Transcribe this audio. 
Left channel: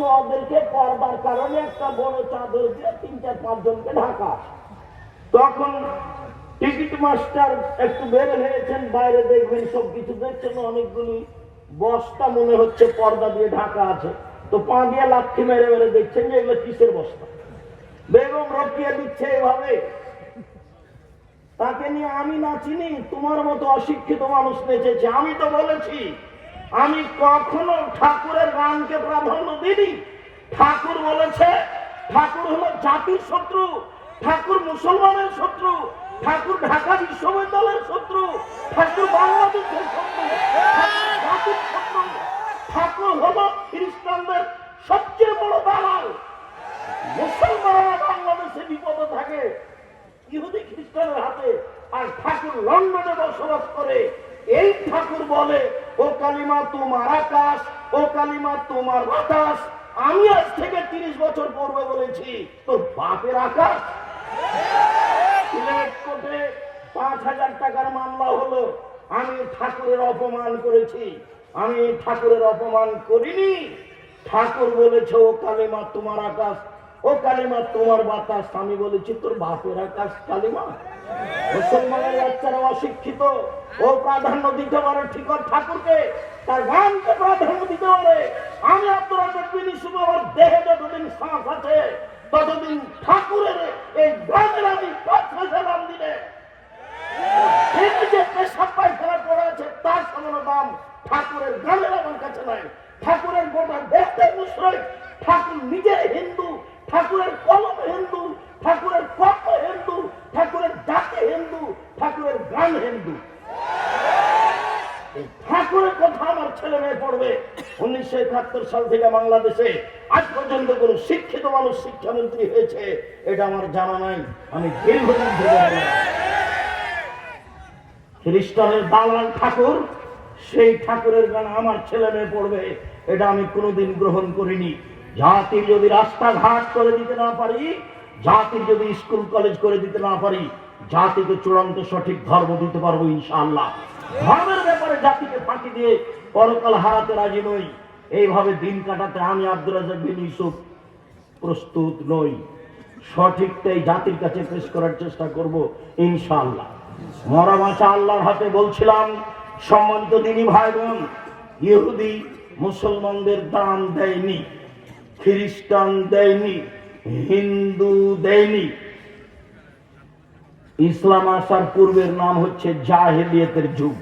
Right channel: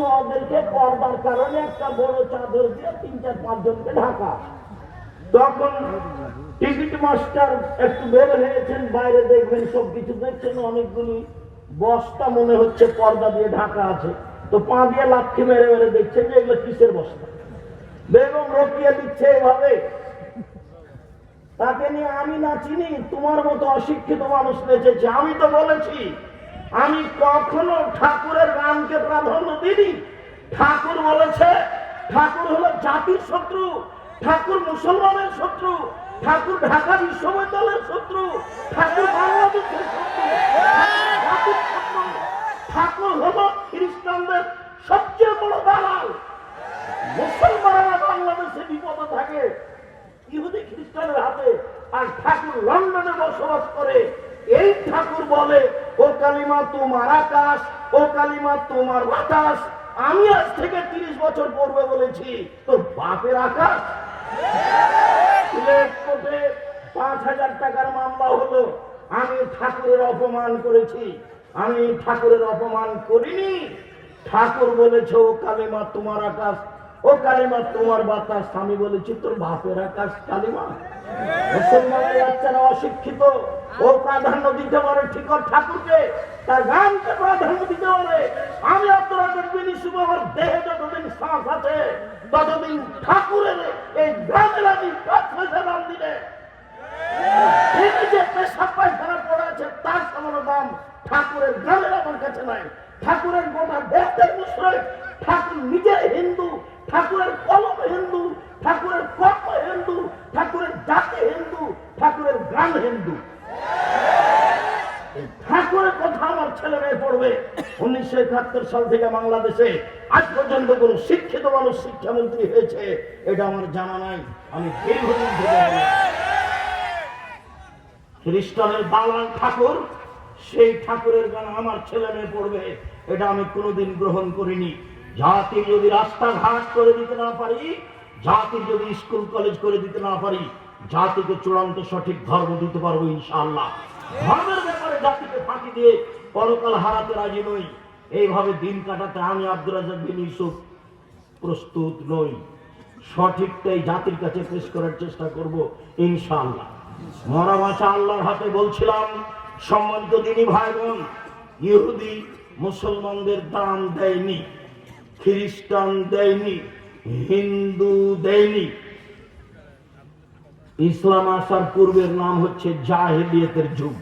তখন ওদেরকে পর্দার কারণে একটা বড় চাদর দিয়ে 3-4-5 জনকে ঢাকা। তখন টিকিট মাস্টার একটু বের হয়েছেন বাইরে, দেখবেন সবকিছু দেখছেন, অনেকগুলি বস্তা মনে হচ্ছে পর্দা দিয়ে ঢাকা আছে। তো পা দিয়ে লাথি মেরে মেরে দেখছেন যে এগুলো কিসের বস্তা। বেগম রোকেয়া দিচ্ছে এভাবে। তাকে নিয়ে আমি না চিনি, তোমার মতো অশিক্ষিত মানুষ নেচেছে। আমি তো বলেছি আমি কখনো ঠাকুরের গানকে প্রাধান্য দিইনি। ঠাকুর বলেছে ঠাকুর হলো জাতির শত্রু, ঠাকুর মুসলমানের শত্রু, ঠাকুর ঢাকা বিশ্ববিদ্যালয়ের শত্রু, ঠাকুর বাংলাদেশের শত্রু, জাতির শত্রু। ঠাকুর হলো খ্রিস্টানদের সবচেয়ে বড় দালাল। মুসলমানরা বাংলাদেশে বিপদে থাকে ইহুদি খ্রিস্টানের হাতে, আর ঠাকুর লন্ডনে বসবাস করে। এই ঠাকুর বলে ও কালিমা তোমার আকাশ, ও কালিমা তোমার বাতাস। আমি আজ থেকে 30 বছর পূর্বে বলেছি তোর বাপের আকাশ। কোর্টে 5,000 টাকার মামলা হলো, আমি ঠাকুরের অপমান করেছি। আমি ঠাকুরের অপমান করিনি। ঠাকুর বলেছে ও কালিমা তোমার আকাশ, ও কালিমা তোমার বাতাস। আমি বলেছি তোর বাপের আকাশ কালিমা। মুসলমানের বাচ্চারা অশিক্ষিত, ও প্রাধান্য দিতে পারে ঠিক ঠাকুরকে, তার গানকে প্রাধান্য দিতে পারে। আমি আপনারা দেখবেন আমার দেহে যতদিন শ্বাস আছে ততদিন ঠাকুরের এই গানের আমি 5,000 দাম দিলে তিনি যে পেশাব পায়খানা পড়ে আছে তার সামান্য দাম ঠাকুরের গানের আমার কাছে নাই। ঠাকুরের গোটা দেশের মুশরিক, ঠাকুর নিজে হিন্দু, ঠাকুরের কলম হিন্দু, ঠাকুরের কর্ম হিন্দু, ঠাকুরের জাতি হিন্দু, ঠাকুরের গান হিন্দু। ঠাকুরের কথা আমার ছেলে মেয়ে পড়বে। 1971 সাল থেকে বাংলাদেশে আজ পর্যন্ত কোন শিক্ষিত মানুষ শিক্ষামন্ত্রী হয়েছে এটা আমার জানা নাই। আমি দীর্ঘদিন ধরে খ্রিস্টানের দালাল ঠাকুর, সেই ঠাকুরের গান আমার ছেলে মেয়ে পড়বে এটা আমি কোনোদিন গ্রহণ করিনি। জাতির যদি রাস্তাঘাট করে দিতে না পারি, জাতির যদি স্কুল কলেজ করে দিতে না পারি, জাতিকে চূড়ান্ত সঠিক ধর্ম দিতে পারবো ইনশাআল্লাহ। ধর্মের ব্যাপারে জাতিকে ফাঁকি দিয়ে পরকাল হারাতে রাজি নই। এইভাবে দিন কাটাতে আমি আব্দুর রাজ্জাক বিন ইউসুফ প্রস্তুত নই। সঠিকটাই জাতির কাছে পেশ করার চেষ্টা করব ইনশাআল্লাহ। মরা বাঁচা আল্লাহর হাতে। বলছিলাম সম্মানিত দিনী ভাই বোন, ইহুদি মুসলমানদের দাম দেয়নি, খ্রিস্টান দেয়নি, হিন্দু দেয়নি। ইসলাম আসার পূর্বের নাম হচ্ছে জাহেলিয়াতের যুগ।